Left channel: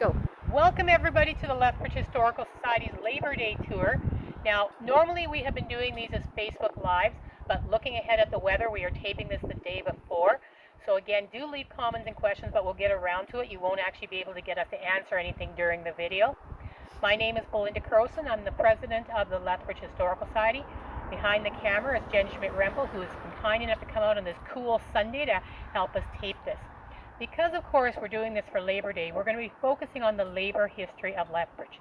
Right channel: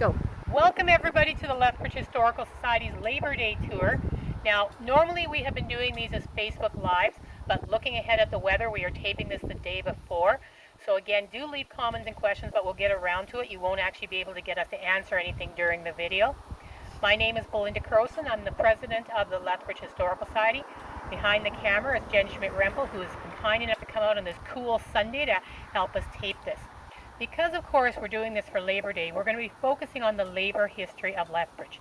Go. Welcome everybody to the Lethbridge Historical Society's Labor Day Tour. Now, normally we have been doing these as Facebook Lives, but looking ahead at the weather, we are taping this the day before. So again, do leave comments and questions, but we'll get around to it. You won't actually be able to get us to answer anything during the video. My name is Belinda Croson. I'm the president of the Lethbridge Historical Society. Behind the camera is Jen Schmidt-Rempel, who has been kind enough to come out on this cool Sunday to help us tape this. Because, of course, we're doing this for Labor Day, we're going to be focusing on the labor history of Lethbridge.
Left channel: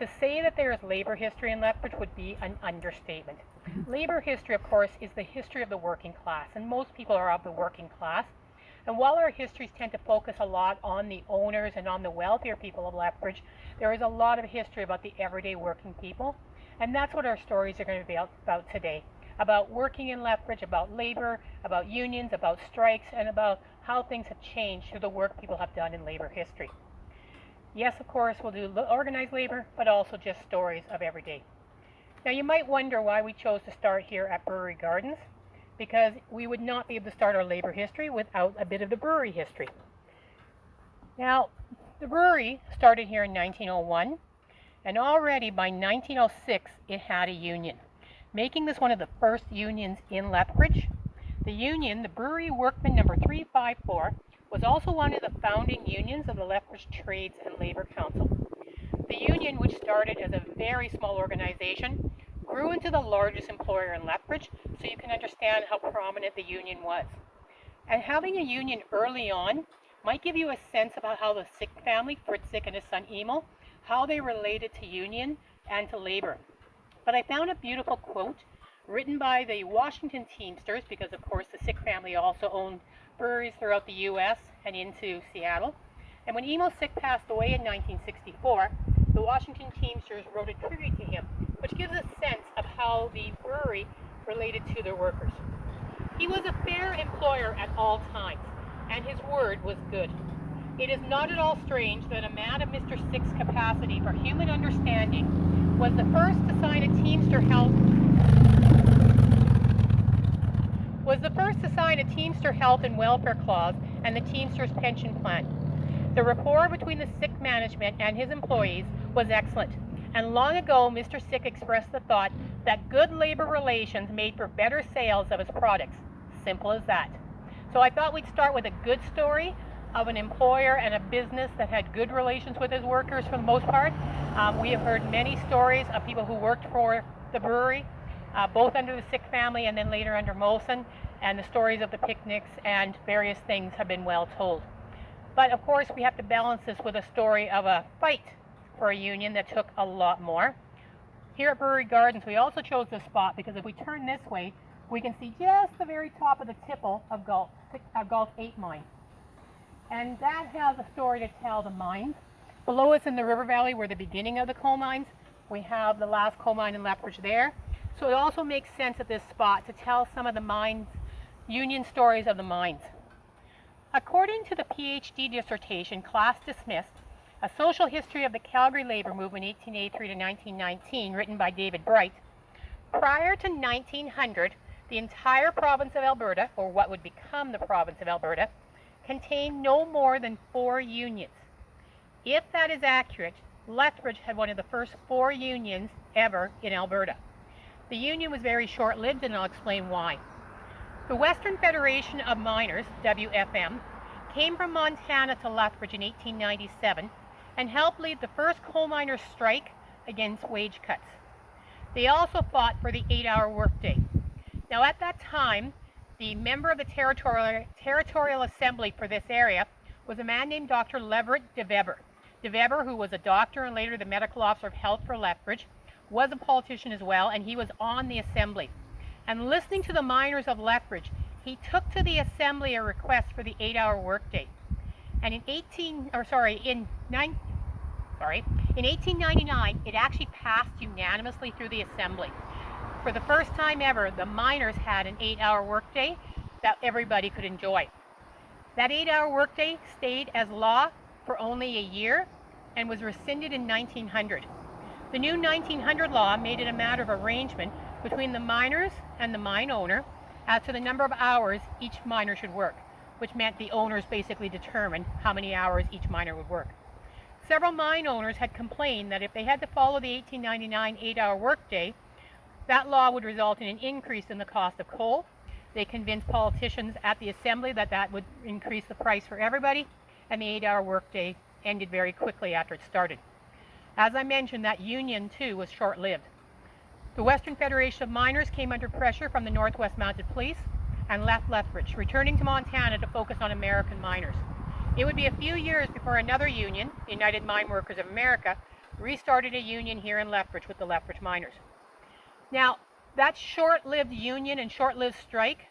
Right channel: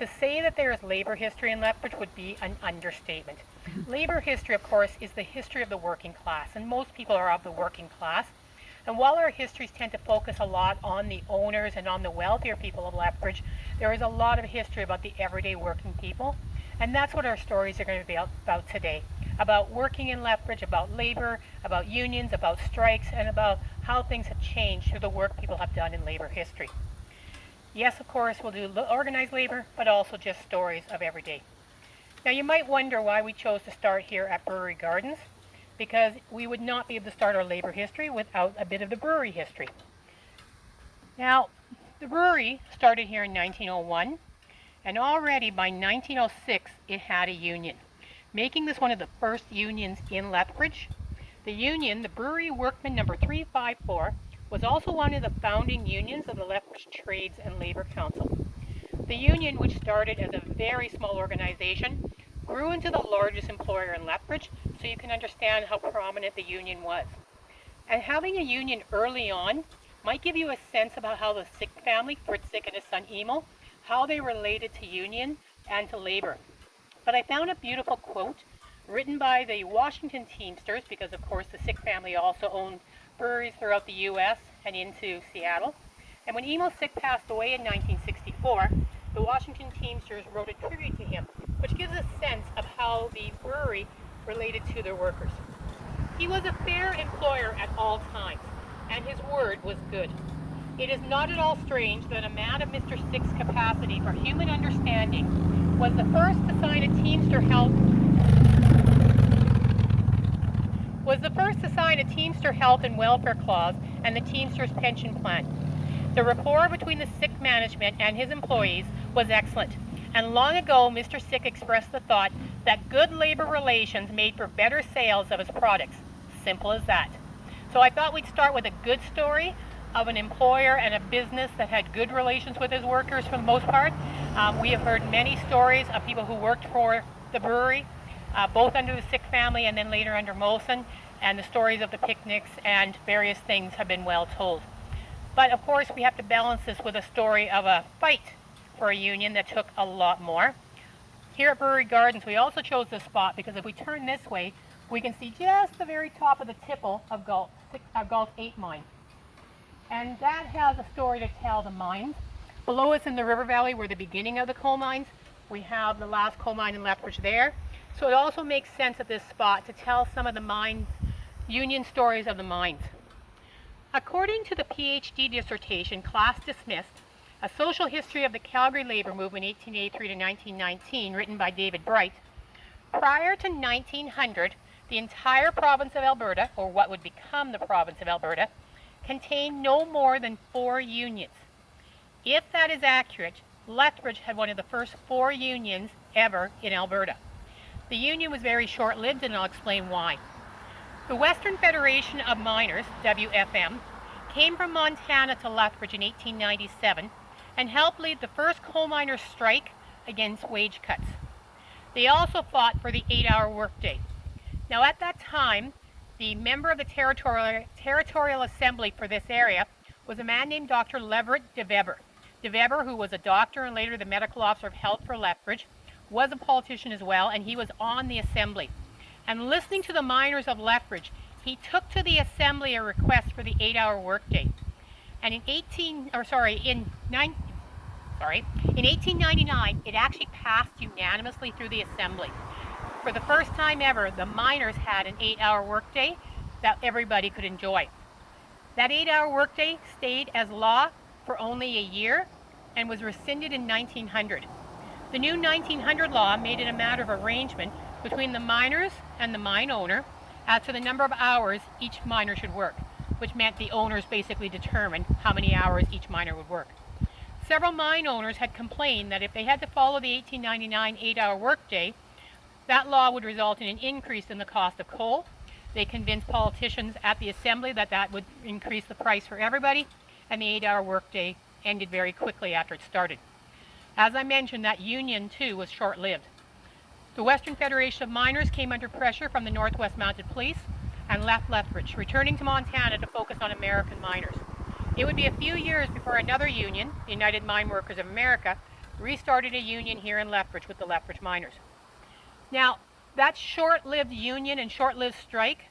To say that there is labor history in Lethbridge would be an understatement. Labor history, of course, is the history of the working class, and most people are of the working class. And while our histories tend to focus a lot on the owners and on the wealthier people of Lethbridge, there is a lot of history about the everyday working people. And that's what our stories are going to be about today. About working in Lethbridge, about labor, about unions, about strikes, and about how things have changed through the work people have done in labor history. Yes, of course, we'll do organized labor, but also just stories of every day. Now, you might wonder why we chose to start here at Brewery Gardens, because we would not be able to start our labor history without a bit of the brewery history. Now, the brewery started here in 1901, and already by 1906, it had a union, making this one of the first unions in Lethbridge. The union, the Brewery Workman number 354, was also one of the founding unions of the Lethbridge Trades and Labor Council. The union, which started as a very small organization, grew into the largest employer in Lethbridge, so you can understand how prominent the union was. And having a union early on might give you a sense about how the Sick family, Fritz Sick and his son Emil, how they related to union and to labor. But I found a beautiful quote written by the Washington Teamsters, because of course the Sick family also owned breweries throughout the U.S. and into Seattle. And when Emil Sick passed away in 1964, the Washington Teamsters wrote a tribute to him, which gives a sense of how the brewery related to their workers. He was a fair employer at all times, and his word was good. It is not at all strange that a man of Mr. Sick's capacity for human understanding was the first to sign a Teamster health and welfare clause and the Teamsters pension plan. The rapport between the Sick management and his employees was excellent, and long ago Mr. Sick expressed the thought that good labor relations made for better sales of his products. Simple as that. So I thought we'd start with a good story of an employer and a business that had good relations with his workers for the most part. We have heard many stories of people who worked for the brewery, both under the Sick family and then later under Molson, and the stories of the picnics and various things have been well told. But of course we have to balance this with a story of a fight for a union that took a lot more. Here at Brewery Gardens we also chose this spot because if we turn this way we can see just the very top of the tipple of Gulf 8 mine. And that has a story to tell, the mines. Below us in the river valley were the beginning of the coal mines. We have the last coal mine in Lethbridge there. So it also makes sense at this spot to tell some of the mines, union stories of the mines. According to the PhD dissertation, Class Dismissed, A Social History of the Calgary Labor Movement 1883 to 1919, written by David Bright, prior to 1900, the entire province of Alberta, or what would become the province of Alberta, contained no more than 4 unions. If that is accurate, Lethbridge had one of the first 4 unions ever in Alberta. The union was very short-lived, and I'll explain why. The Western Federation of Miners, WFM, came from Montana to Lethbridge in 1897 and helped lead the first coal miners' strike against wage cuts. They also fought for the 8-hour workday. Now at that time, the member of the Territorial Assembly for this area was a man named Dr. Leverett de Weber. De Weber, who was a doctor and later the medical officer of health for Lethbridge, was a politician as well, and he was on the assembly. And listening to the miners of Lethbridge, he took to the assembly a request for the 8-hour workday. And in 1899, it actually passed unanimously through the assembly. For the first time ever, the miners had an 8-hour workday that everybody could enjoy. That 8-hour workday stayed as law for only a year and was rescinded in 1900. The new 1900 law made it a matter of arrangement between the miners and the mine owner as to the number of hours each miner should work, which meant the owners basically determined how many hours each miner would work. Several mine owners had complained that if they had to follow the 1899 8-hour workday, that law would result in an increase in the cost of coal. They convinced politicians at the assembly that that would increase the price for everybody, and the 8-hour workday ended very quickly after it started. As I mentioned, that union too was short-lived. The Western Federation of Miners came under pressure from the Northwest Mounted Police and left Lethbridge, returning to Montana to focus on American miners. It would be a few years before another union, the United Mine Workers of America, restarted a union here in Lethbridge with the Lethbridge miners. Now, that short-lived union and short-lived strike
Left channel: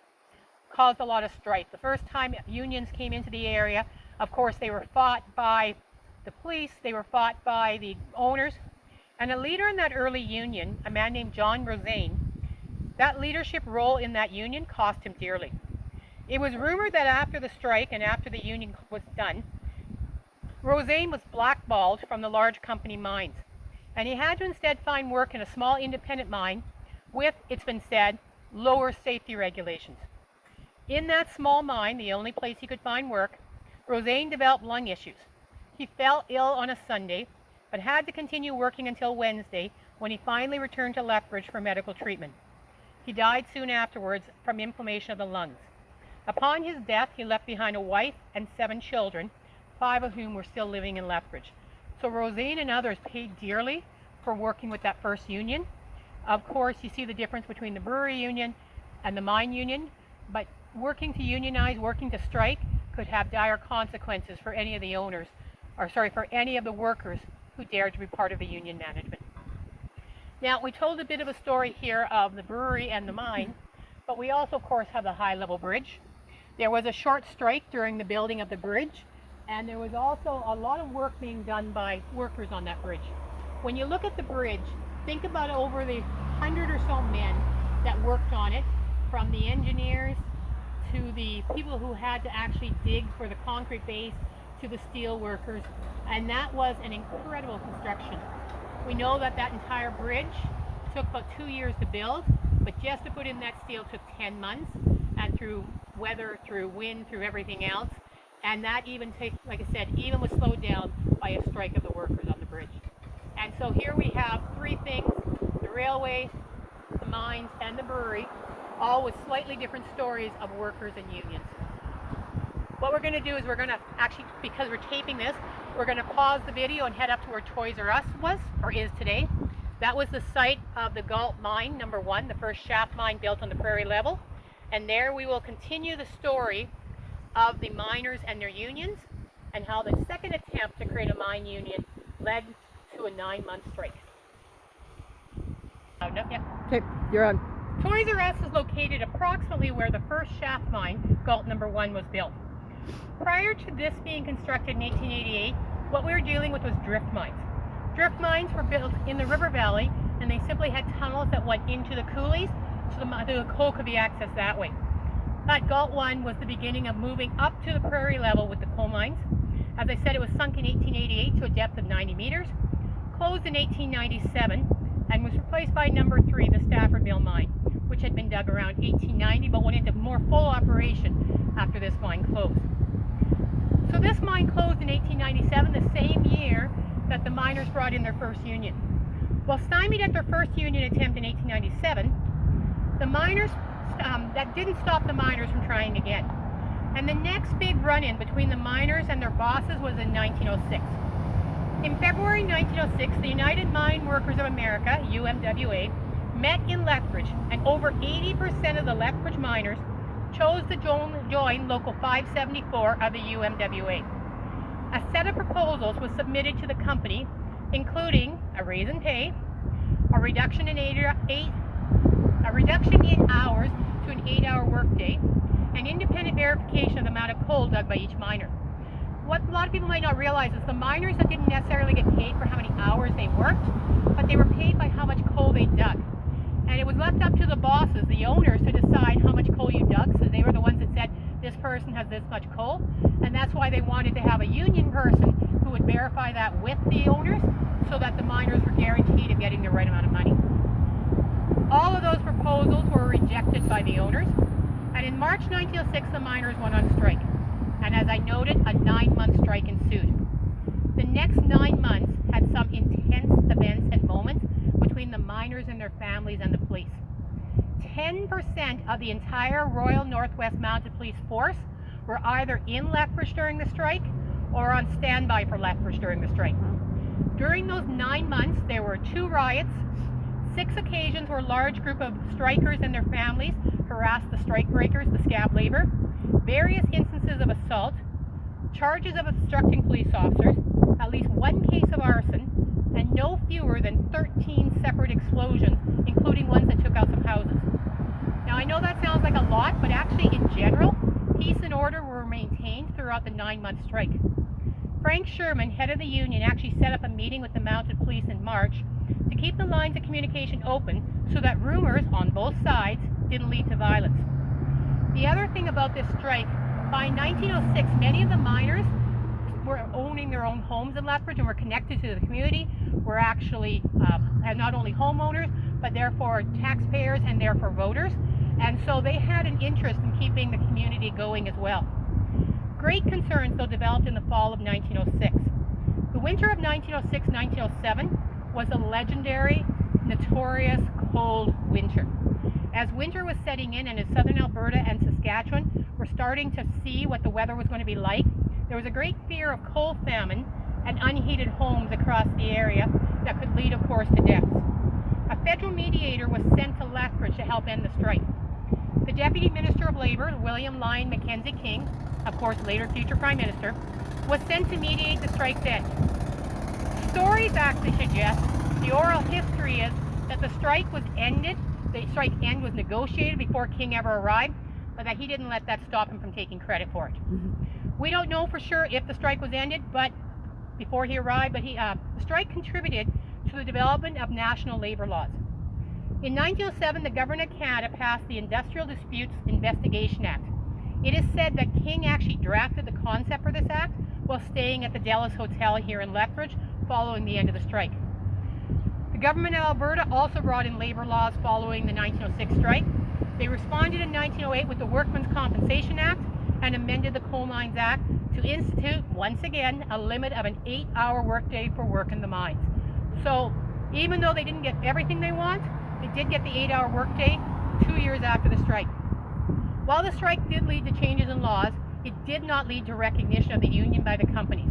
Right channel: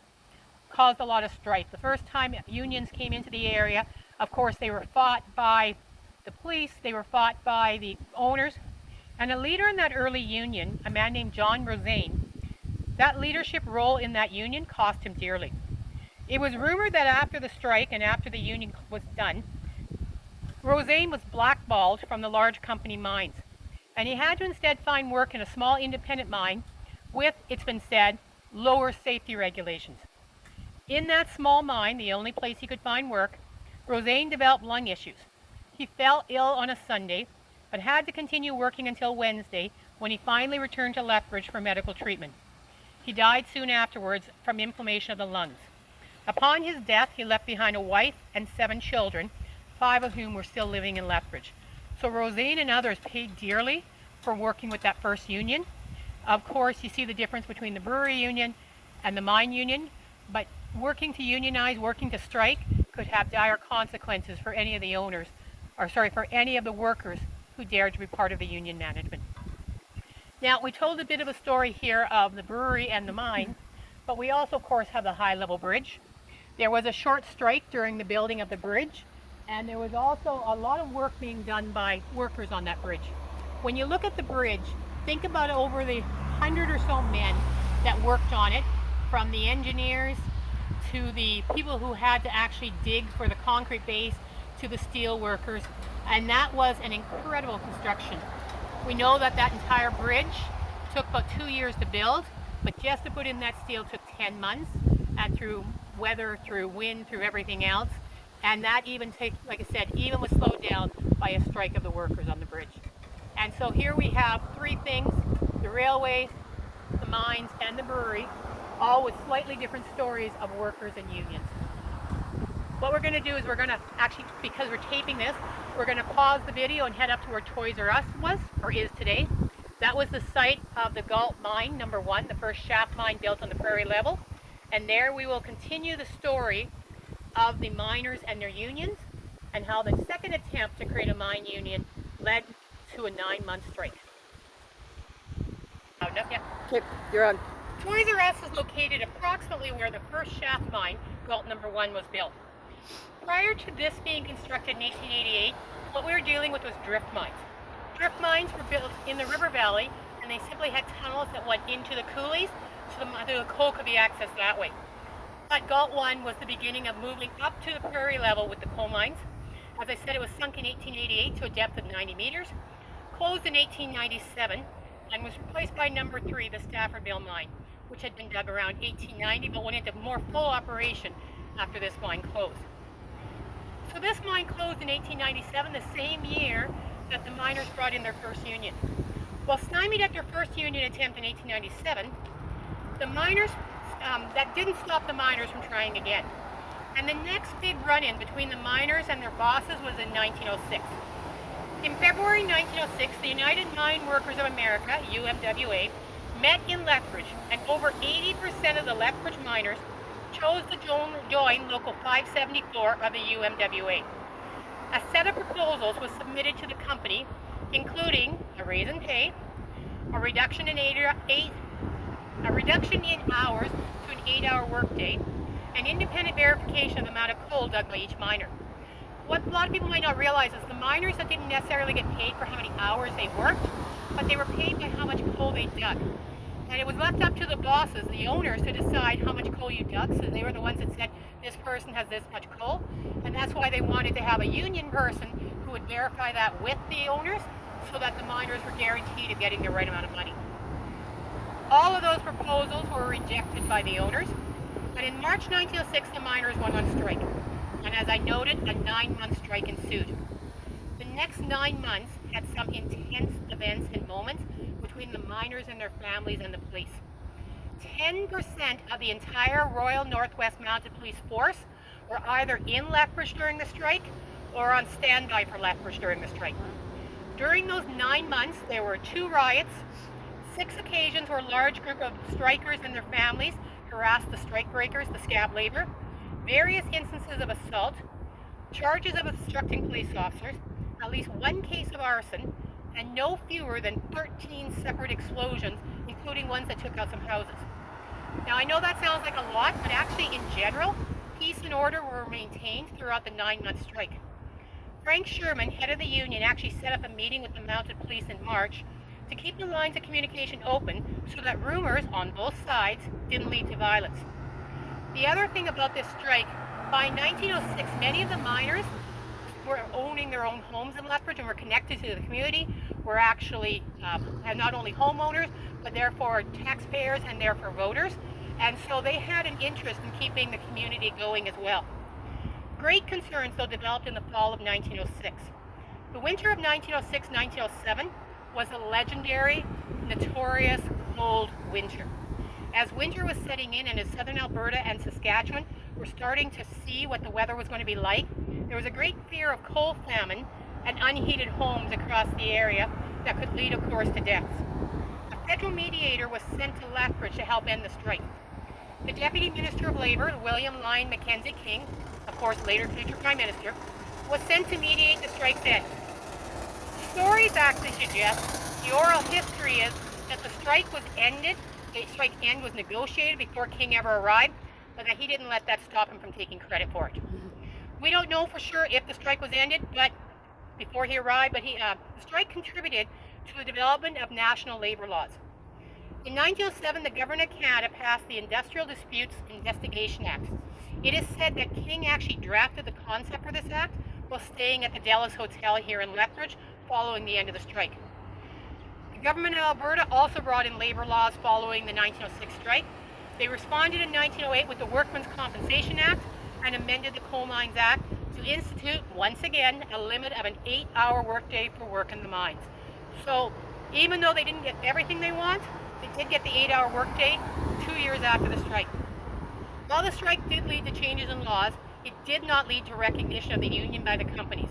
caused a lot of strife. The first time unions came into the area, of course, they were fought by the police, they were fought by the owners, and a leader in that early union, a man named John Rosane, that leadership role in that union cost him dearly. It was rumored that after the strike and after the union was done, Rosane was blackballed from the large company mines, and he had to instead find work in a small independent mine with, it's been said, lower safety regulations. In that small mine, the only place he could find work, Rosane developed lung issues. He fell ill on a Sunday, but had to continue working until Wednesday, when he finally returned to Lethbridge for medical treatment. He died soon afterwards from inflammation of the lungs. Upon his death, he left behind a wife and 7 children, 5 of whom were still living in Lethbridge. So Rosane and others paid dearly for working with that first union. Of course, you see the difference between the brewery union and the mine union, but working to unionize, working to strike could have dire consequences for any of the owners, for any of the workers who dared to be part of the union management. Now, we told a bit of a story here of the brewery and the mine, but we also, of course, have the high-level bridge. There was a short strike during the building of the bridge, and there was also a lot of work being done by workers on that bridge. When you look at the bridge, think about over the 100 or so men that worked on it, from the engineers to the people who had to actually dig for the concrete base to the steel workers, and that was an incredible construction. We know that that entire bridge took about 2 years to build, but just to put in that steel took 10 months, and through weather, through wind, through everything else, and that even takes, like I said, even was slowed down by a strike of the workers on the bridge. And so here we have 3 things, the railway, the mines, and the brewery, all with slightly different stories of workers and unions. What we're going to do is we're going to actually, because we're taping this, we're going to pause the video and head up to where Toys R Us was, or is today. That was the site of the Galt Mine, number 1, the first shaft mine built on the prairie level. And there we will continue the story of the miners and their unions, and how the second attempt to create a mine union led to a 9-month strike. Oh, no, yeah. Okay, you're on. Toys R Us is located approximately where the first shaft mine, Galt number 1, was built. Prior to this being constructed in 1888, what we were dealing with was drift mines. Drift mines were built in the river valley, and they simply had tunnels that went into the coulees, so the coal could be accessed that way. That Galt 1 was the beginning of moving up to the prairie level with the coal mines. As I said, it was sunk in 1888 to a depth of 90 meters, closed in 1897, and was replaced by number 3, the Staffordville mine, which had been dug around 1890, but went into more full operation after this mine closed. So this mine closed in 1897, the same year that the miners brought in their first union. While stymied at their first union attempt in 1897, the miners, that didn't stop the miners from trying again. And the next big run-in between the miners and their bosses was in 1906. In February 1906, the United Mine Workers of America, UMWA, met in Lethbridge, and over 80% of the Lethbridge miners chose to join Local 574 of the UMWA. A set of proposals was submitted to the company, including a raise in pay, a reduction in hours to an 8-hour workday, and independent verification of the amount of coal dug by each miner. What a lot of people might not realize is the miners that didn't necessarily get paid for how many hours they worked, but they were paid by how much coal they dug. And it was left up to the bosses, the owners, to decide how much coal you dug, so they were the ones that said, this person has this much coal, and that's why they wanted to have a union person who would verify that with the owners, so that the miners were guaranteed of getting the right amount of money. All of those proposals were rejected by the owners, and in March 1906 the miners went on strike, and as I noted, a 9-month strike ensued. The next 9 months had some intense events and moments between the miners and their families and the police. 10% of the entire Royal Northwest Mounted Police force were either in Lethbridge during the strike or on standby for Lethbridge during the strike. During those 9 months, there were 2 riots, 6 occasions where a large group of strikers and their families harassed the strikebreakers, the scab labor, various instances of assault, charges of obstructing police officers, at least 1 case of arson, and no fewer than 13 separate explosions, including ones that took out some houses. Now, I know that sounds like a lot, but actually, in general, peace and order were maintained throughout the 9-month strike. Frank Sherman, head of the union, actually set up a meeting with the mounted police in March to keep the lines of communication open so that rumors on both sides didn't lead to violence. The other thing about this strike, by 1906, many of the miners were owning their own homes in Lethbridge and were connected to the community, were actually not only homeowners, but therefore taxpayers and therefore voters. And so they had an interest in keeping the community going as well. Great concerns, though, developed in the fall of 1906. The winter of 1906-1907 was a legendary, notorious cold winter. As winter was setting in and as southern Alberta and Saskatchewan were starting to see what the weather was going to be like, there was a great fear of coal famine and unheated homes across the area that could lead, of course, to deaths. A federal mediator was sent to Lethbridge to help end the strike. The Deputy Minister of Labour, William Lyon Mackenzie King, of course later future Prime Minister, was sent to mediate the strike's end. Stories actually suggest, the oral history is, that the strike was ended, the strike end was negotiated before King ever arrived, but that he didn't let that stop him from taking credit for it. We don't know for sure if the strike was ended, but before he arrived, the strike contributed to the development of national labor laws. In 1907, the Government of Canada passed the Industrial Disputes Investigation Act. It is said that King actually drafted the concept for this act while staying at the Dallas Hotel here in Lethbridge following the end of the strike. The Government of Alberta also brought in labor laws following the 1906 strike. They responded in 1908 with the Workmen's Compensation Act and amended the Coal Mines Act to institute, once again, a limit of an 8-hour workday for work in the mines. So even though they didn't get everything they want, they did get the 8-hour workday 2 years after the strike. While the strike did lead to changes in laws, it did not lead to recognition of the union by the companies.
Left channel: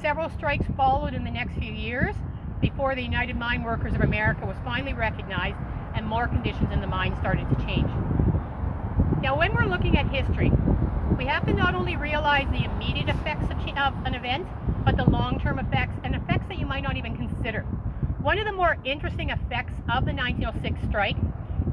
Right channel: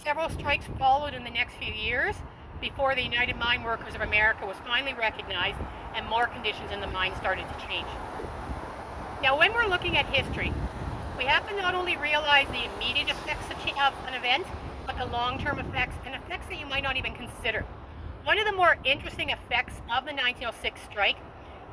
Several strikes followed in the next few years before the United Mine Workers of America was finally recognized and more conditions in the mine started to change. Now, when we're looking at history, we have to not only realize the immediate effects of an event, but the long-term effects and effects that you might not even consider. One of the more interesting effects of the 1906 strike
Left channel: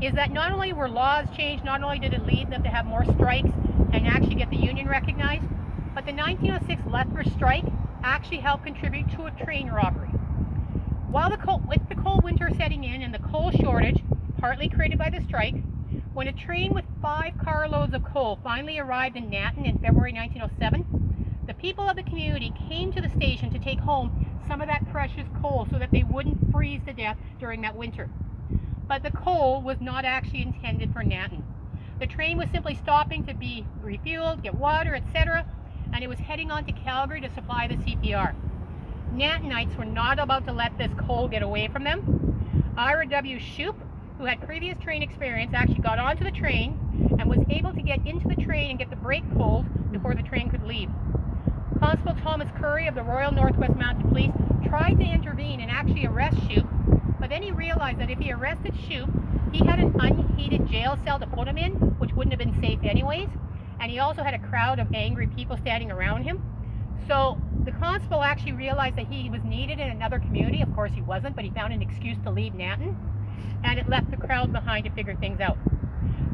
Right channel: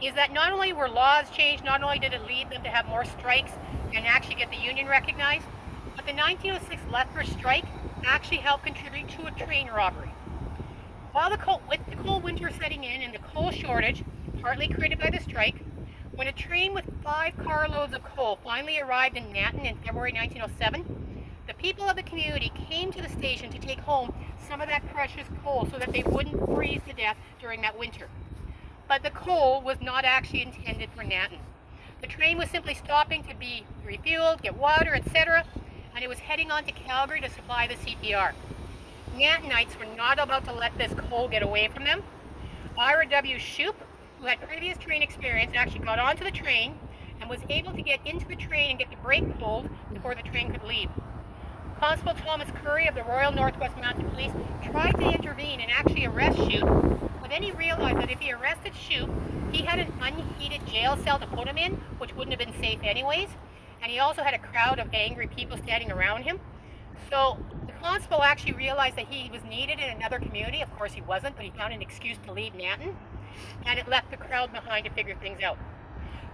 is that not only were laws changed, not only did it lead them to have more strikes and actually get the union recognized, but the 1906 Lethbridge strike actually helped contribute to a train robbery. With the cold winter setting in and the coal shortage, partly created by the strike, when a train with 5 carloads of coal finally arrived in Nanton in February 1907, the people of the community came to the station to take home some of that precious coal so that they wouldn't freeze to death during that winter. But the coal was not actually intended for Nanton. The train was simply stopping to be refueled, get water, etc., and it was heading on to Calgary to supply the CPR. Nantonites were not about to let this coal get away from them. Ira W. Shoup, who had previous train experience, actually got onto the train and was able to get into the train and get the brake pulled before the train could leave. Constable Thomas Curry of the Royal Northwest Mounted Police tried to intervene and actually arrest Shoup, but then he realized that if he arrested Shoup, he had an unheated jail cell to put him in, which wouldn't have been safe anyways, and he also had a crowd of angry people standing around him. So the constable actually realized that he was needed in another community. Of course he wasn't, but he found an excuse to leave Nanton, and it left the crowd behind to figure things out.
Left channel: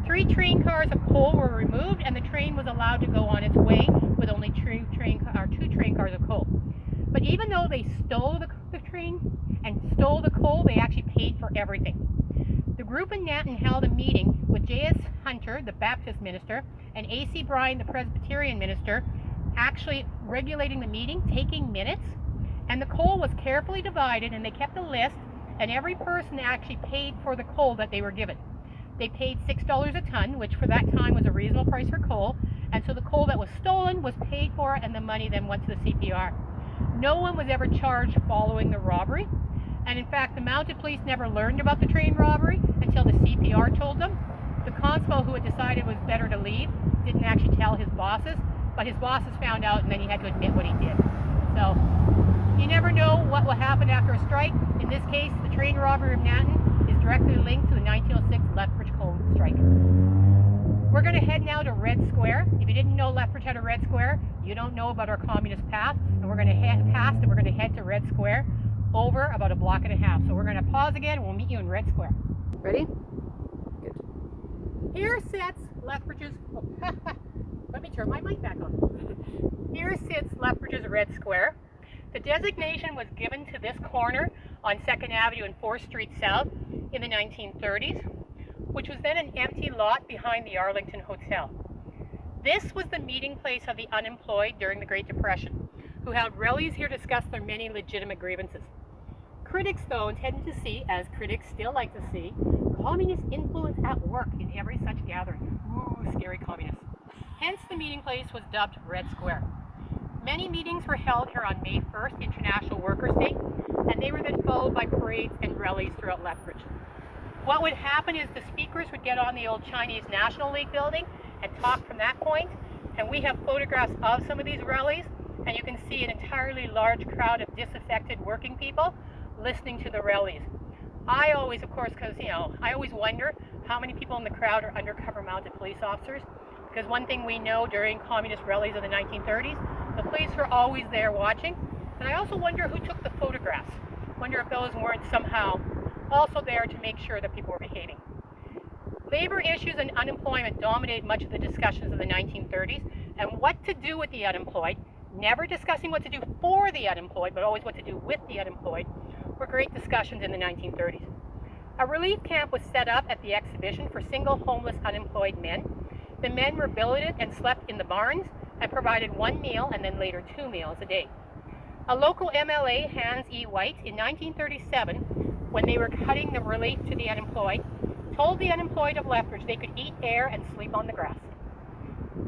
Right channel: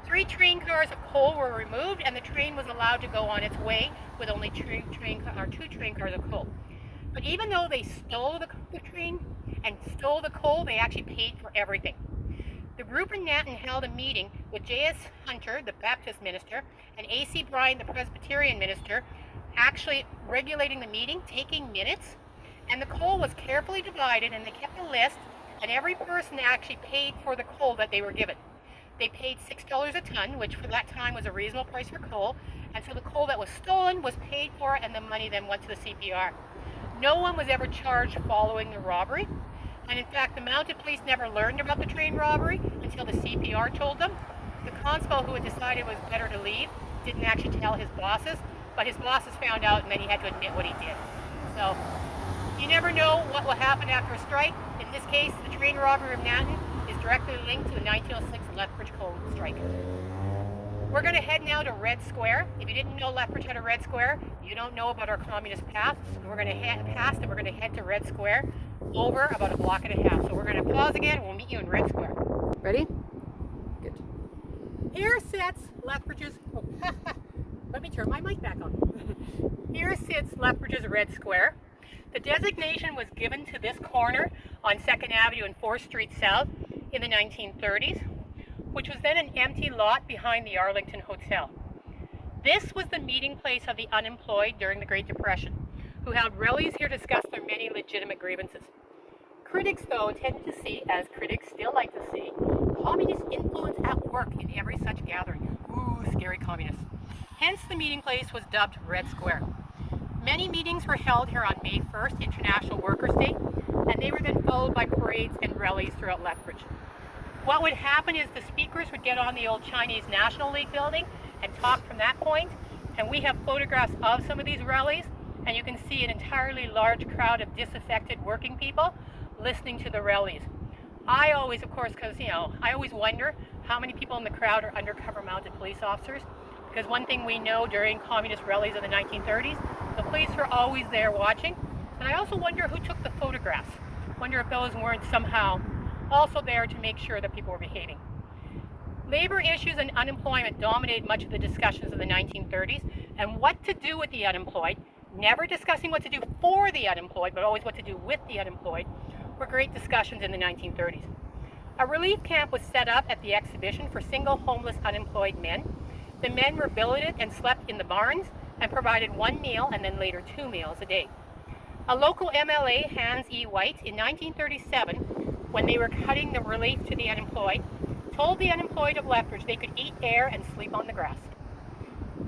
3 train cars of coal were removed, and the train was allowed to go on its way with only 2 train cars of coal. But even though they stole the train and stole the coal, they actually paid for everything. The group in Nanton held a meeting with J.S. Hunter, the Baptist minister, and A.C. Bryan, the Presbyterian minister, actually regulating the meeting, taking minutes, and the coal was carefully divided, and they kept a list, and every person actually paid for the coal that they were given. They paid $6 a ton, which for that time was a reasonable price for coal, and so the coal that was stolen was paid for, and the money then went to the CPR. No one was ever charged following the robbery. And in fact, the mounted police never learned about the train robbery until the CPR told them. The constable who had decided it was better to leave didn't actually tell his bosses, but his bosses found out and then he had to admit what he did. So you never know what will happen after a strike. In this case, the train robbery of Nanton is directly linked to the 1906 Lethbridge Coal strike. We're going to head now to Red Square. If you didn't know Lethbridge had a Red Square, you don't know about our communist past. And we're going to head past and we're going to head to Red Square over about a block and a half. So we're going to pause again and we'll meet you in Red Square. Ready? Good. Here sits Lethbridge's, let me turn my mic back on. Here sits Lethbridge's Red Square. The designation was given to this corner on 2nd Avenue and 4th Street South in the 1930s, which was then an empty lot behind the Arlington Hotel. This was the meeting place of the unemployed during the Great Depression, who held rallies here to discuss their many legitimate grievances. Critics, though, tended to see, as critics still like to see, communist influence at work in every such gathering. Ooh, scary communists. Hence, the meeting place was dubbed Red Square. Many meetings were held here on May 1st, International Workers' Day, and they were then followed by parades and rallies throughout Lethbridge. What would happen is the speakers would get on the old Chinese National League building and talk from that point, and we have photographs of some of these rallies, and you can see an entirely large crowd of disaffected working people listening to the rallies. I always, of course, because, I always wonder how many people in the crowd are undercover mounted police officers, because one thing we know during communist rallies of the 1930s, the police were always there watching, and I also wonder who took the photographs. Wonder if those weren't somehow also there to make sure that people were behaving. Labor issues and unemployment dominated much of the discussions of the 1930s, and what to do with the unemployed, never discussing what to do for the unemployed, but always what to do with the unemployed, were great discussions in the 1930s. A relief camp was set up at the exhibition for single homeless unemployed men. The men were billeted and slept in the barns and provided one meal and then later 2 meals a day. A local MLA, Hans E. White, in 1937, when they were cutting the relief to the unemployed, told the unemployed of Lethbridge they could eat air and sleep on the grass.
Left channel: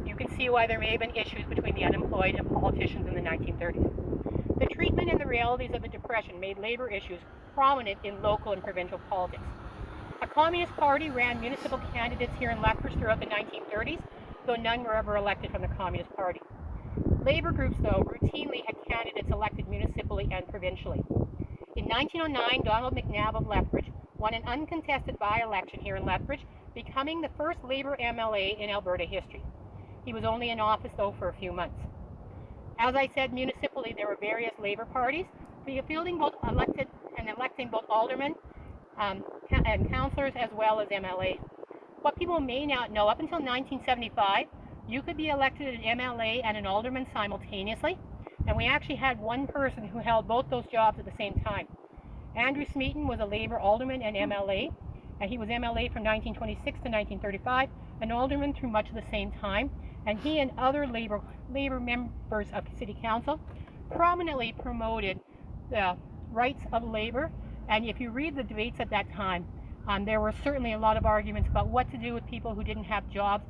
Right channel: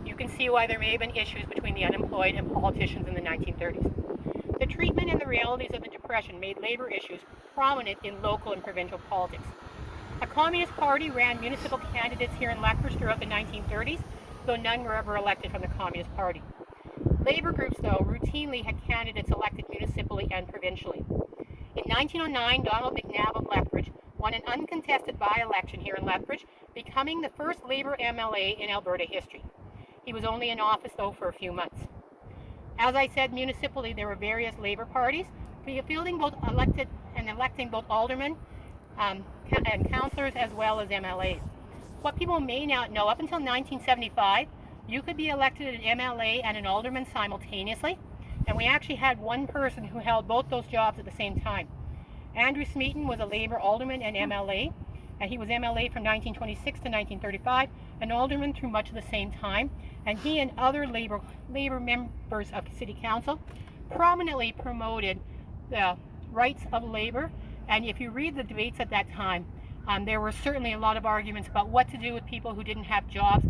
You can see why there may have been issues between the unemployed and politicians in the 1930s. The treatment and the realities of the Depression made labor issues prominent in local and provincial politics. A Communist Party ran municipal candidates here in Lethbridge throughout the 1930s, though none were ever elected from the Communist Party. Labor groups, though, routinely had candidates elected municipally and provincially. In 1909, Donald McNabb of Lethbridge won an uncontested by-election here in Lethbridge, becoming the first Labor MLA in Alberta history. He was only in office, though, for a few months. As I said, municipally, there were various Labor parties, fielding both electing both aldermen and councillors as well as MLAs. What people may not know, up until 1975, you could be elected an MLA and an alderman simultaneously, and we actually had one person who held both those jobs at the same time. Andrew Smeaton was a Labor alderman and MLA, and he was MLA from 1926 to 1935, an alderman through much of the same time, and he and other Labor members of City Council prominently promoted the rights of labor. And if you read the debates at that time, there were certainly a lot of arguments about what to do with people who didn't have jobs.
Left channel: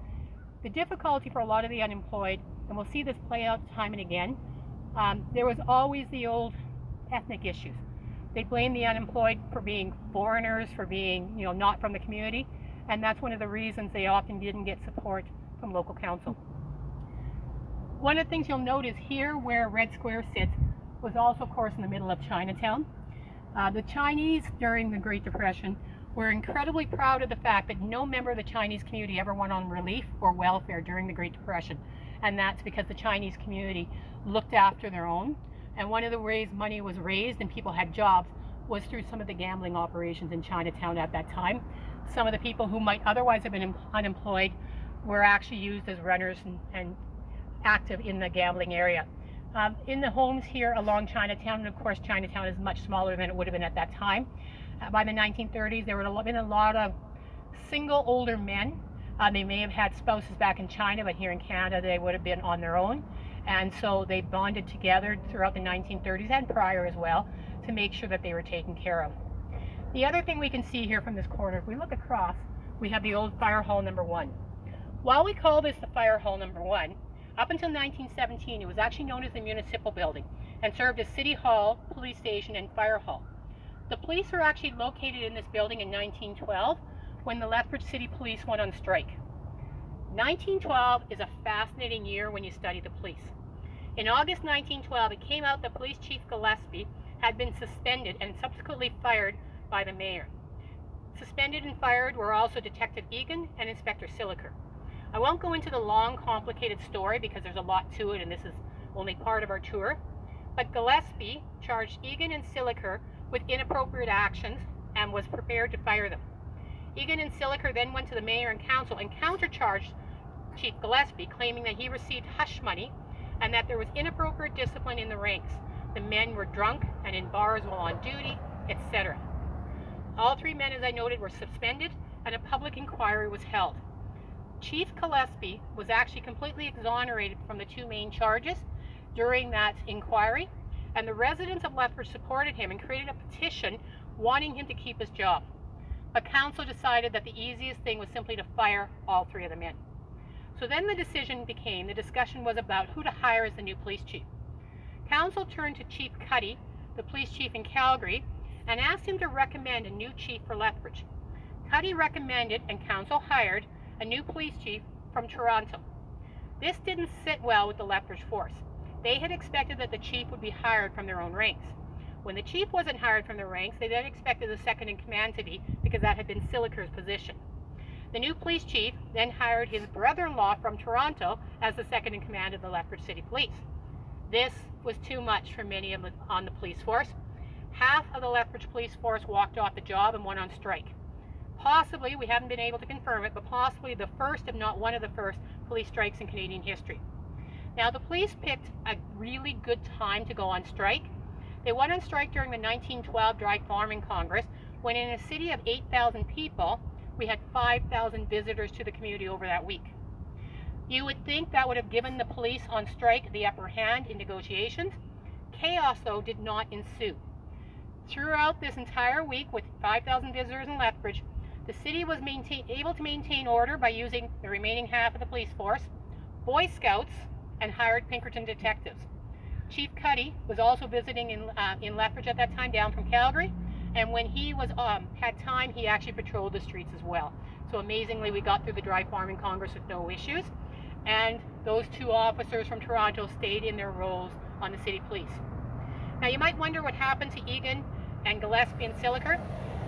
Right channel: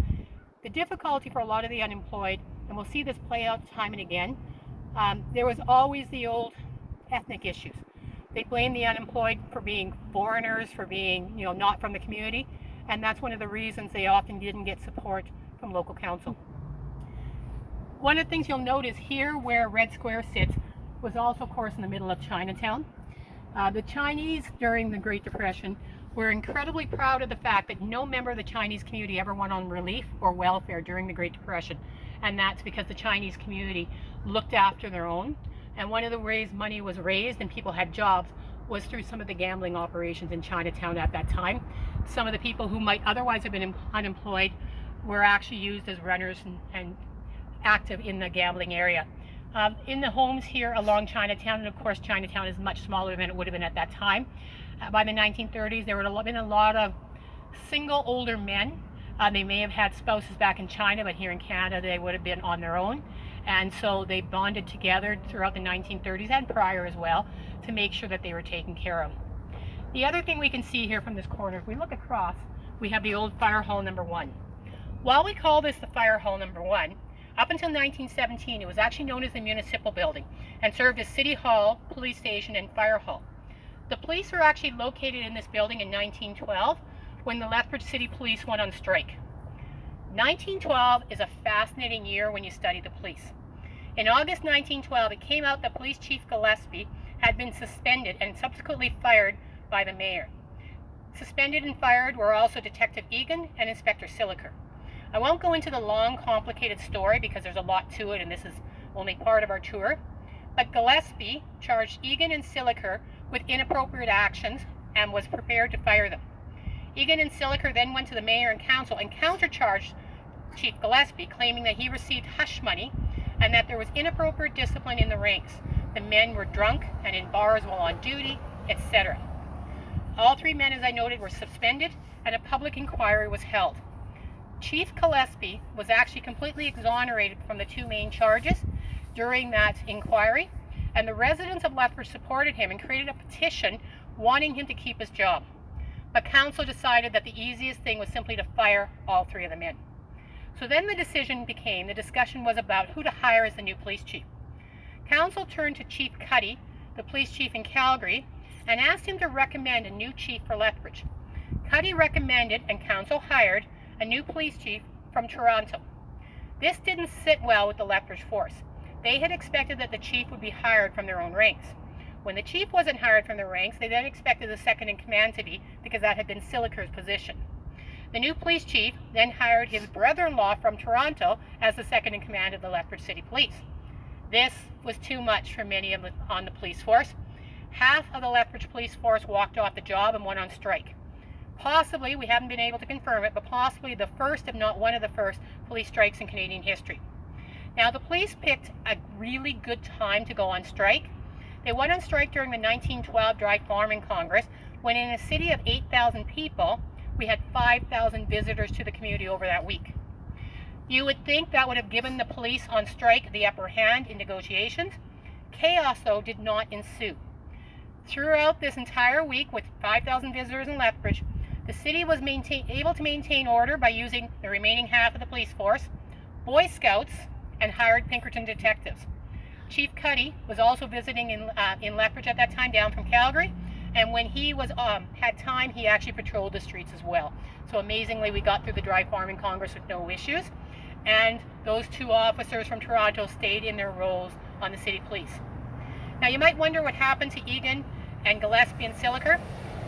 The difficulty for a lot of the unemployed, and we'll see this play out time and again, there was always the old ethnic issues. They blamed the unemployed for being foreigners, for being not from the community, and that's one of the reasons they often didn't get support from local council. One of the things you'll notice here where Red Square sits was also, of course, in the middle of Chinatown. The Chinese during the Great Depression were incredibly proud of the fact that no member of the Chinese community ever went on relief or welfare during the Great Depression. And that's because the Chinese community looked after their own. And one of the ways money was raised and people had jobs was through some of the gambling operations in Chinatown at that time. Some of the people who might otherwise have been unemployed were actually used as runners and active in the gambling area. In the homes here along Chinatown, and of course Chinatown is much smaller than it would have been at that time. By the 1930s, there would have been a lot of single older men. They may have had spouses back in China, but here in Canada they would have been on their own. And so they bonded together throughout the 1930s and prior as well to make sure that they were taken care of. The other thing we can see here from this corner, if we look across, we have the old Fire Hall number 1. While we call this the Fire Hall number 1, up until 1917, it was actually known as the Municipal Building. and served as City Hall, police station, and fire hall. The police were actually located in this building in 1912 when the Lethbridge City Police went on strike. 1912 is a fascinating year when you study the police. In August 1912, it came out that Police Chief Gillespie had been suspended and subsequently fired by the mayor. Suspended and fired were also Detective Egan and Inspector Siliker. I won't go into the long, complicated story because there's a lot to it and this is only part of our tour, but Gillespie charged Egan and Siliker with inappropriate actions and was prepared to fire them. Egan and Siliker then went to the mayor and council and countercharged Chief Gillespie, claiming that he received hush money and that there was inappropriate discipline in the ranks. The men were drunk and in bars while on duty, etc. All three men, as I noted, were suspended and a public inquiry was held. Chief Gillespie was actually completely exonerated from the two main charges during that inquiry, and the residents of Lethbridge supported him and created a petition wanting him to keep his job. But council decided that the easiest thing was simply to fire all three of the men. So then the discussion was about who to hire as the new police chief. Council turned to Chief Cuddy, the police chief in Calgary, and asked him to recommend a new chief for Lethbridge. Cuddy recommended, and council hired, a new police chief from Toronto. This didn't sit well with the Lethbridge force. They had expected that the chief would be hired from their own ranks. When the chief wasn't hired from the ranks, they then expected the second in command to be, because that had been Siliker's position. The new police chief then hired his brother-in-law from Toronto as the second in command of the Lethbridge City Police. This was too much for many on the police force. Half of the Lethbridge police force walked off the job and went on strike. Possibly, we haven't been able to confirm it, but possibly the first, if not one of the first, police strikes in Canadian history. Now, the police picked a really good time to go on strike. They went on strike during the 1912 Dry Farming Congress, when in a city of 8,000 people, we had 5,000 visitors to the community over that week. You would think that would have given the police on strike the upper hand in negotiations. Chaos, though, did not ensue. Throughout this entire week, with 5,000 visitors in Lethbridge, the city was able to maintain order by using the remaining half of the police force, Boy Scouts, and hired Pinkerton detectives. Chief Cuddy was also visiting in Lethbridge at that time, down from Calgary, and when he had time, he actually patrolled the streets as well. So amazingly, we got through the Dry Farming Congress with no issues, and those two officers from Toronto stayed in their roles on the city police. Now, you might wonder what happened to Egan and Gillespie and Siliker.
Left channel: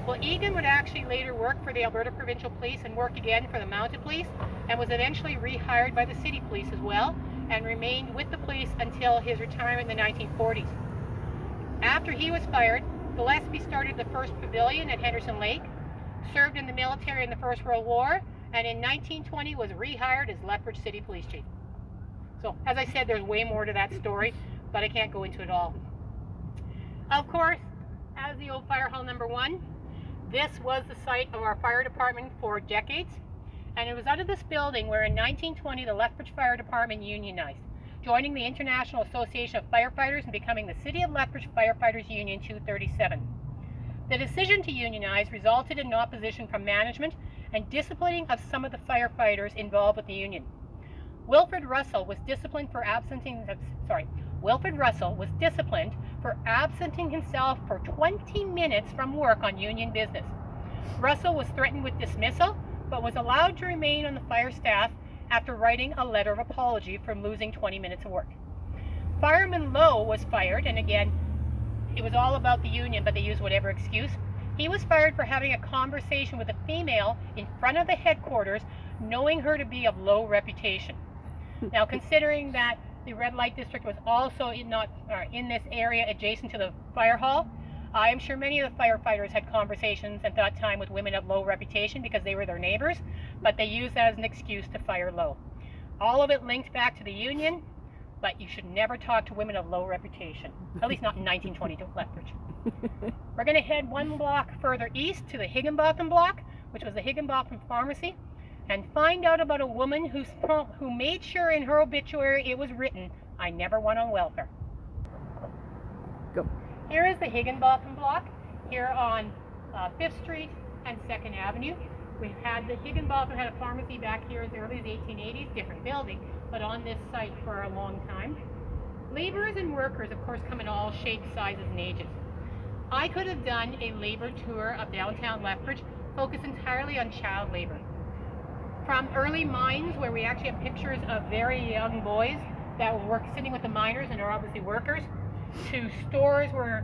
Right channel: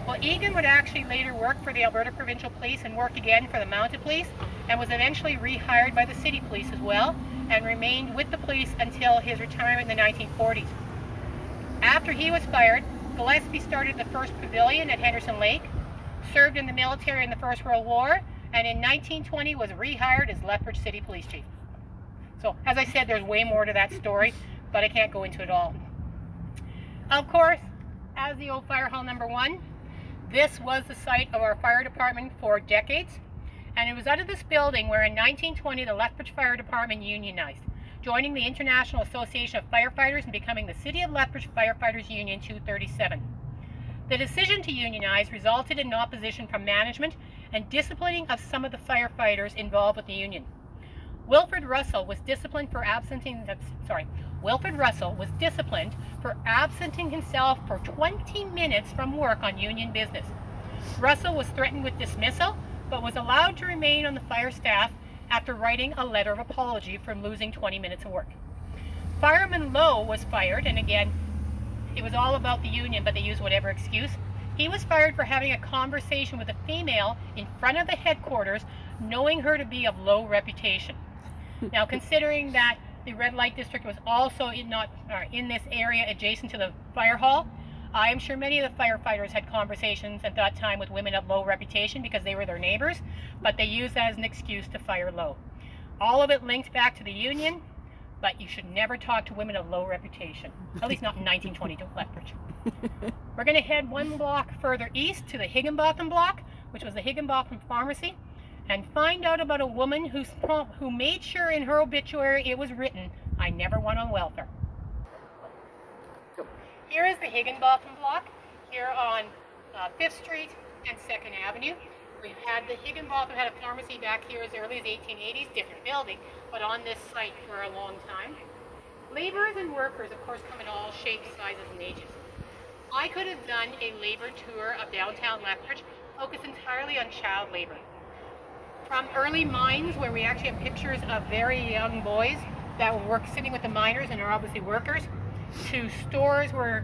Well, Egan would actually later work for the Alberta Provincial Police and work again for the Mounted Police, and was eventually rehired by the City Police as well, and remained with the police until his retirement in the 1940s. After he was fired, Gillespie started the first pavilion at Henderson Lake, served in the military in the First World War, and in 1920 was rehired as Lethbridge City Police Chief. So, as I said, there's way more to that story, but I can't go into it all. Of course, as the old fire hall number 1, this was the site of our fire department for decades, and it was under this building where in 1920 the Lethbridge Fire Department unionized, joining the International Association of Firefighters and becoming the City of Lethbridge Firefighters Union 237. The decision to unionize resulted in opposition from management and disciplining of some of the firefighters involved with the union. Wilfred Russell was disciplined for absenting himself for 20 minutes from work on union business. Russell was threatened with dismissal, but was allowed to remain on the fire staff after writing a letter of apology for losing 20 minutes of work. Fireman Lowe was fired, and again, it was all about the union, but they used whatever excuse. He was fired for having a conversation with a female in front of the headquarters, knowing her to be of low reputation. Now, considering that the red light district was also in this area adjacent to the fire hall, I am sure many of the firefighters had conversations at that time with women of low reputation because they were their neighbors, but they used that as an excuse to fire Lowe. All of it linked back to the union, but you should never talk to women of low reputation, at least not in 1922 Lethbridge. We're going to head one block further east to the Higginbotham block, which was the Higginbotham Pharmacy, and find out about a woman who made sure in her obituary it was written, "I never went on welfare." Go. Here is the Higginbotham block, here on 5th Street and 2nd Avenue. We've had the Higginbotham had a pharmacy back here as early as 1880s, different building, but on this site for a long time. Laborers and workers, of course, come in all shapes, sizes, and ages. I could have done a labor tour of downtown Lethbridge focused entirely on child labor. From early mines, where we actually have pictures of very young boys that will work sitting with the miners and are obviously workers, to stores where,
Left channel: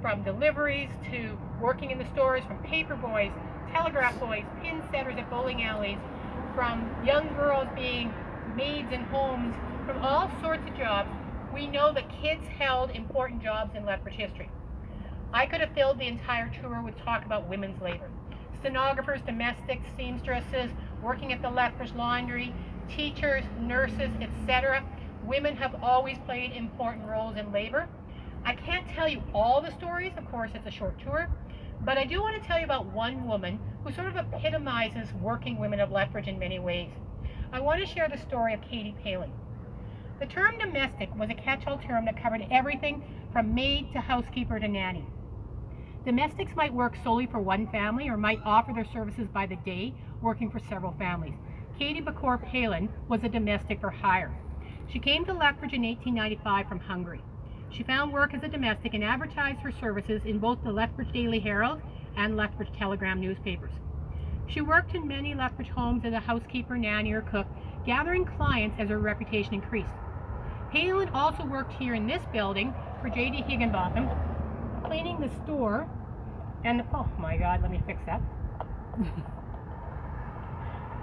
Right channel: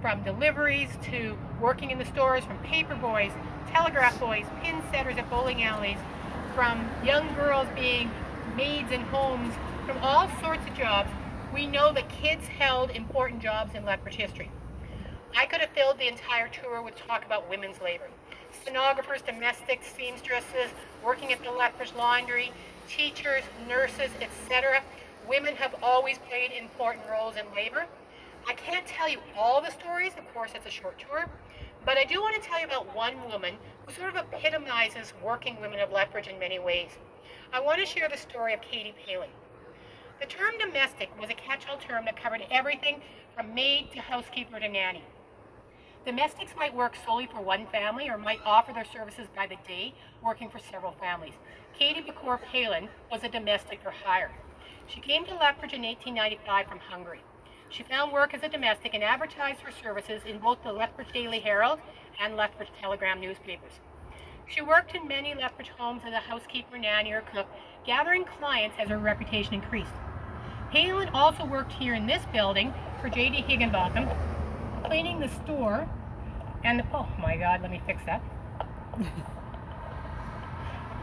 from deliveries to working in the stores, from paper boys, telegraph boys, pin setters at bowling alleys, from young girls being maids in homes, from all sorts of jobs. We know that kids held important jobs in Lethbridge history. I could have filled the entire tour with talk about women's labor. Stenographers, domestics, seamstresses, working at the Lethbridge Laundry, teachers, nurses, etc. Women have always played important roles in labor. I can't tell you all the stories, of course it's a short tour, but I do want to tell you about one woman who sort of epitomizes working women of Lethbridge in many ways. I want to share the story of Katie Palin. The term domestic was a catch-all term that covered everything from maid to housekeeper to nanny. Domestics might work solely for one family or might offer their services by the day, working for several families. Katie Palin was a domestic for hire. She came to Lethbridge in 1895 from Hungary. She found work as a domestic and advertised her services in both the Lethbridge Daily Herald and Lethbridge Telegram newspapers. She worked in many Lethbridge homes as a housekeeper, nanny, or cook, gathering clients as her reputation increased. Palin also worked here in this building for J.D. Higginbotham, cleaning the store and oh my God, let me fix that.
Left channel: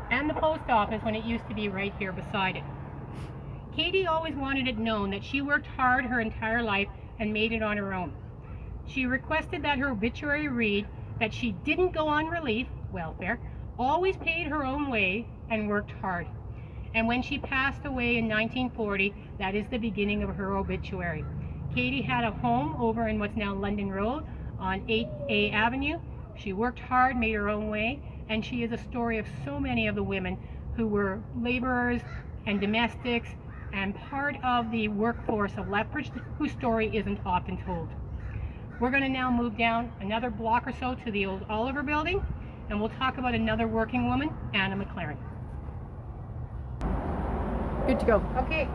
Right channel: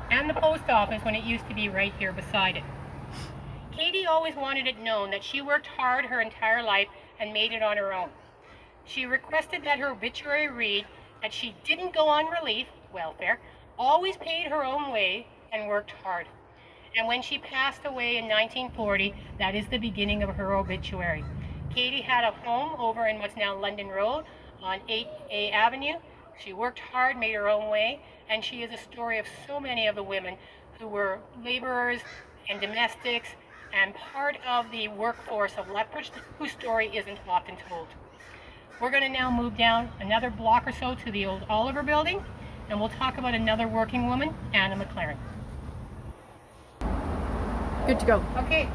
And the post office when it used to be right here beside it. Katie always wanted it known that she worked hard her entire life and made it on her own. She requested that her obituary read that she didn't go on relief, welfare, always paid her own way and worked hard. And when she passed away in 1940, that is the beginning of her obituary. Katie had a home over in what's now London Road on 8A Avenue. She worked hard, made her own way, and she is a story of so many of the women who were laborers and domestics and part of the workforce of Lethbridge, whose story isn't often told. We're going to now move down another block or so to the old Oliver building, and we'll talk about another working woman, Anna McLaren. Good to go. Okay.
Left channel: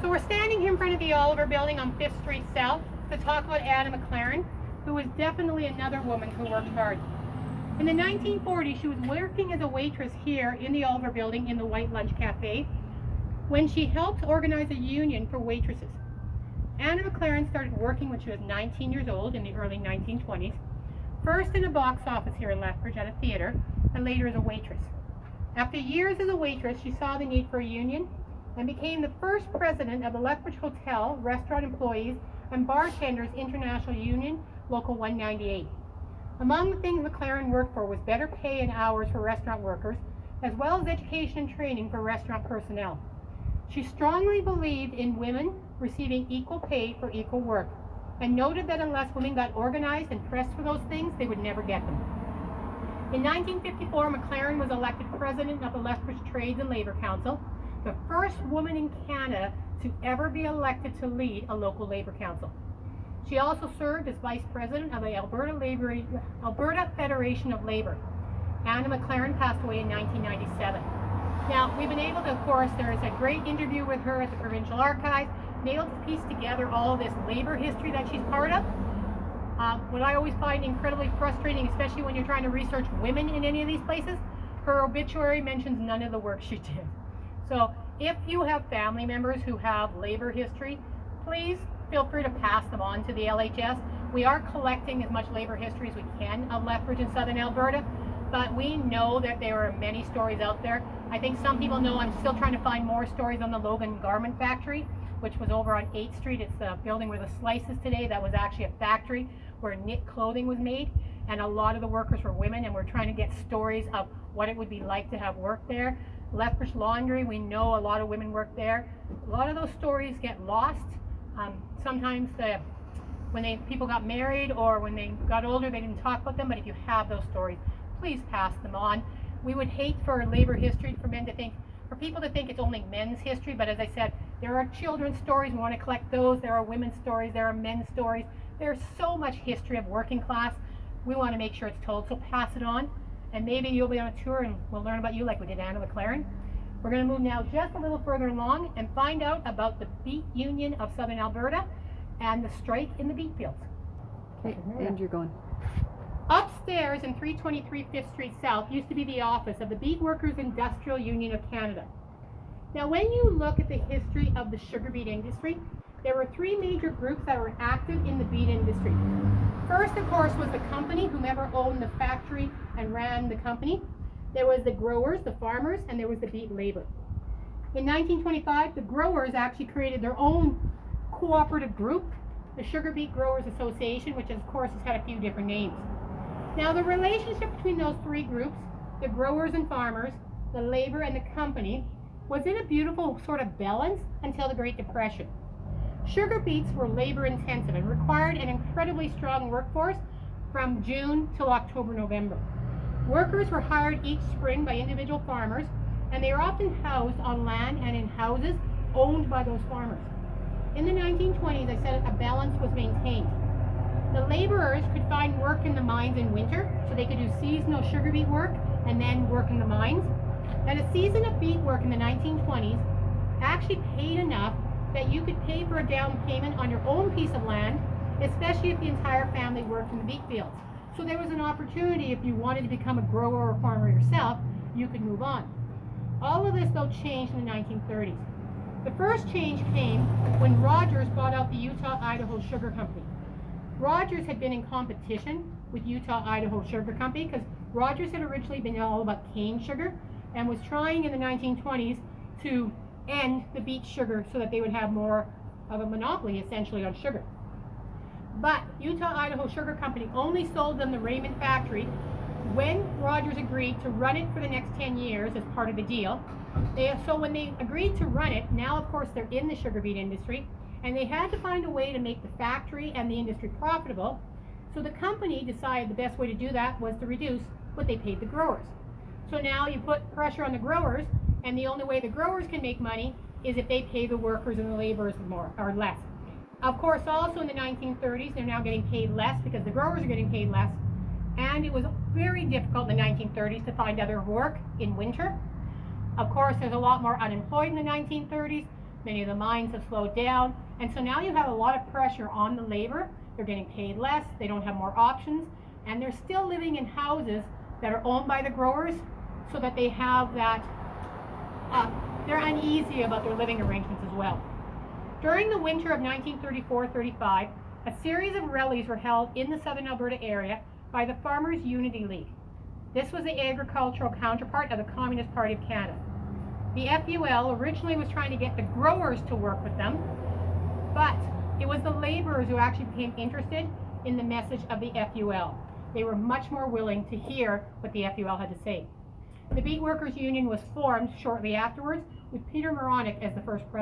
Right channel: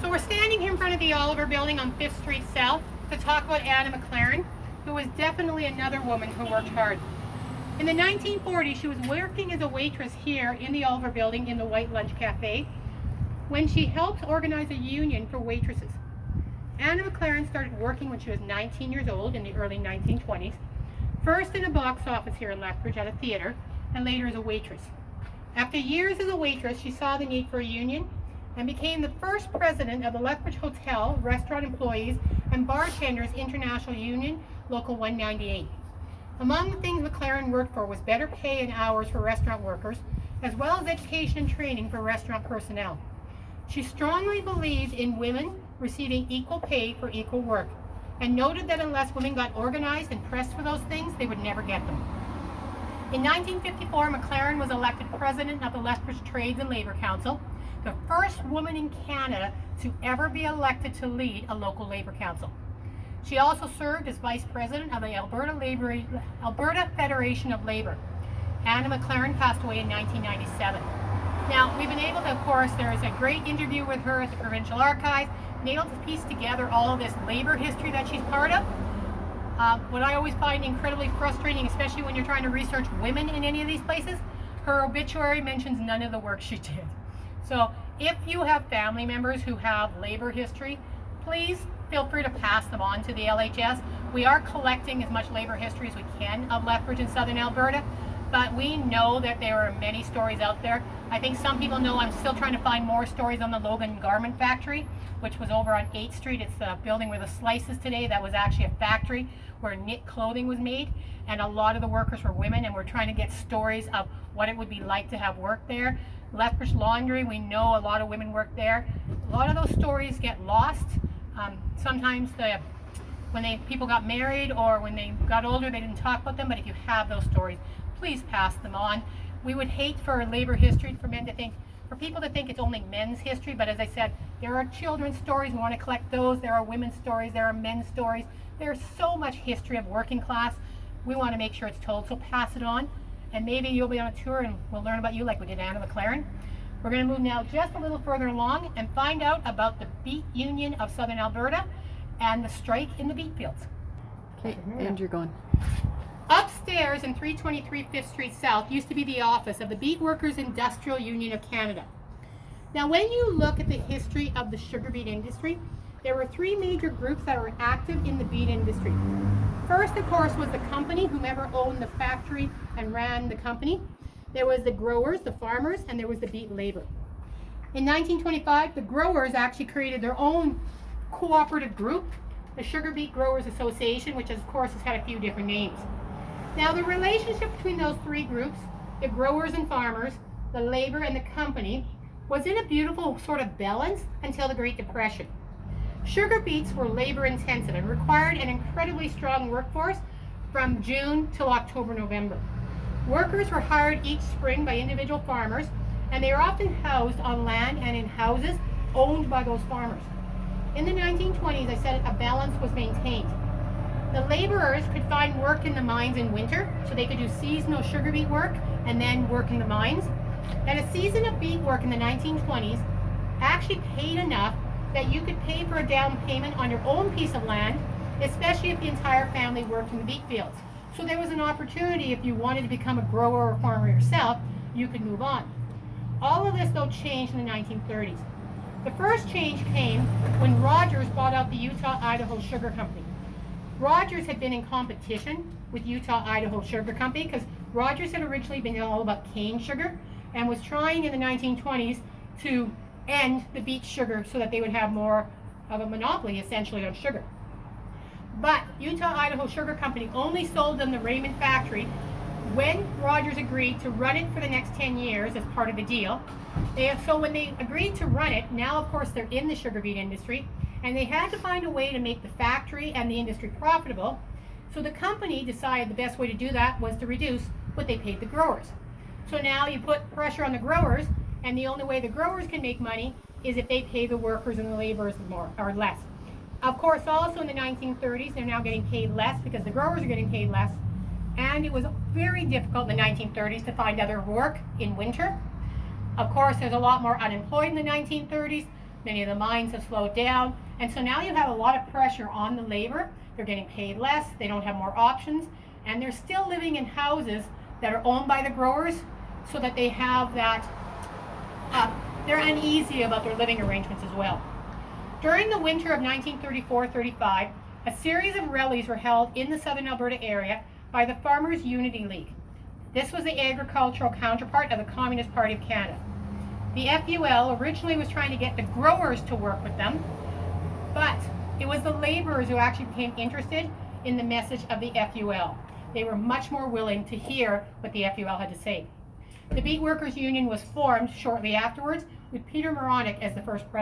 So we're standing here in front of the Oliver building on 5th Street South to talk about Anna McLaren, who was definitely another woman who worked hard. In the 1940s, she was working as a waitress here in the Oliver building in the White Lunch Cafe when she helped organize a union for waitresses. Anna McLaren started working when she was 19 years old in the early 1920s, first in a box office here in Lethbridge at a theater, and later as a waitress. After years as a waitress, she saw the need for a union and became the first president of the Lethbridge Hotel, Restaurant Employees, and Bartenders International Union, Local 198. Among the things McLaren worked for was better pay and hours for restaurant workers, as well as education and training for restaurant personnel. She strongly believed in women receiving equal pay for equal work, and noted that unless women got organized and pressed for those things, they would never get them. In 1954, McLaren was elected president of the Lethbridge Trades and Labor Council, the first woman in Canada to ever be elected to lead a local labor council. She also served as vice president of the Alberta Federation of Labor. Anna McLaren passed away in 1997. Now, we've been able to, of course, there is a great interview with her at the Provincial Archives, been able to piece together all of this labor history that she's part of. What I always find incredibly frustrating, especially when you're trying to research women in any of these places, her obituary mentions none of the work she did. So if you have family members who have labor history, please feel free to pass them on to the LHS. We are collecting as much labor history as we can of Lethbridge in southern Alberta, but we know that there are many stories out there. I think some people know I'm still trying to find more stories on the Logan Garment Factory, which was over on 8th Street. It's the building where the Slice is today. That was actually a factory where knit clothing was made, and a lot of the workers were women, and we're trying to get stories of what it would be like to have work there. Lethbridge Laundry, we know a lot of women work there. A lot of those stories get lost. Sometimes when people got married or when they got older, they didn't talk about them, but if you have those stories, please pass them on. We would hate for labor history for people to think it's only men's history, but as I said, there are children's stories. We want to collect those. There are women's stories. There are men's stories. There's so much history of working class. We want to make sure it's told, so pass it on. And maybe you'll be on a tour and we'll learn about you like we did Anna McLaren. We're going to move now just a little further along and find out about the Beet Union of Southern Alberta and the strike in the beet fields. Okay, and you're going. Upstairs in 323 5th Street South used to be the office of the Beet Workers Industrial Union of Canada. Now, when you look at the history of the sugar beet industry, there were three major groups that were active in the beet industry. First, of course, was the company, whomever owned the factory and ran the company. There was the growers, the farmers, and there was the beet labor. In 1925, the growers actually created their own cooperative group, the Sugar Beet Growers Association, which of course has had a few different names. Now, the relationship between those three groups, the growers and farmers, the labor and the company, was in a beautiful sort of balance until the Great Depression. Sugar beets were labor intensive and required an incredibly strong workforce from June till October, November. Workers were hired each spring by individual farmers, and they were often housed on land and in houses owned by those farmers. In the 1920s, I said a balance was maintained. The laborers could find work in the mines in winter, so they could do seasonal sugar beet work and then work in the mines. And a season of beet work in the 1920s actually paid enough that you could pay for a down payment on your own piece of land, especially if the entire family worked in the beet fields. So there was an opportunity, if you wanted to become a grower or farmer yourself, you could move on. All of this, though, changed in the 1930s. The first change came when Rogers bought out the Utah-Idaho Sugar Company. Rogers had been in competition with Utah-Idaho Sugar Company because Rogers had originally been all about cane sugar and was trying in the 1920s to end the beet sugar so that they would have more of a monopoly, essentially, on sugar. But Utah-Idaho Sugar Company only sold them the Raymond factory when Rogers agreed to run it for the next 10 years as part of the deal. So when they agreed to run it, now of course they're in the sugar beet industry, and they had to find a way to make the factory and the industry profitable. So the company decided the best way to do that was to reduce what they paid the growers. So now you put pressure on the growers, and the only way the growers can make money is if they pay the workers and the laborers more or less. Of course, also in the 1930s, they're now getting paid less because the growers are getting paid less. And it was very difficult in the 1930s to find other work in winter. Of course, there's a lot more unemployed in the 1930s. Many of the mines have slowed down. And so now you have a lot of pressure on the labor. They're getting paid less. They don't have more options. And they're still living in houses that are owned by the growers so that they have that, they're uneasy about their living arrangements as well. During the winter of 1934-35, a series of rallies were held in the Southern Alberta area by the Farmers Unity League. This was the agricultural counterpart of the Communist Party of Canada. The FUL originally was trying to get the growers to work with them, but it was the laborers who actually became interested in the message of the FUL. They were much more willing to hear what the FUL had to say. The Beet Workers Union was formed shortly afterwards with Peter Moronic as the first president.